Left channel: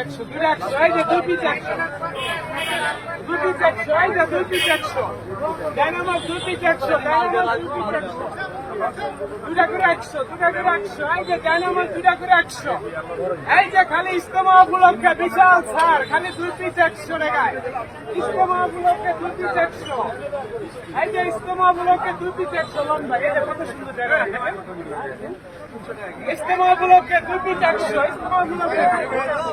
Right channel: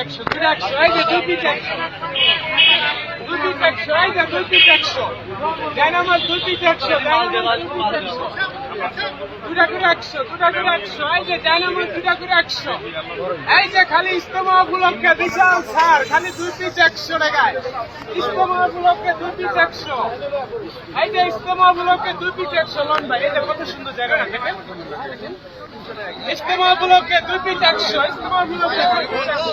একশো দুটা একশো দুটা একশো একশো। এই যে দুই পিস একশো। যে দুই একশো ডাইনামাস দুই পিস একশো। দুটা করে একশো দুটা করে একশো। এই যে ডাইনামাস দুটা করে একশো। এই যে খালি ইস্তেমা উপলক্ষে বিশাল ছাড়, খালি দুই পিস একশো টাকায়। ইস্তেমা উপলক্ষে দুই পিস একশো। এই যে ইস্তেমা উপলক্ষে দুই পিস একশো, লন ভাই, এই কত সুন্দর জায়গা দেখেন। ইস্তেমা উপলক্ষে দুই একশো ইস্তেমা উপলক্ষে দুই পিস একশো।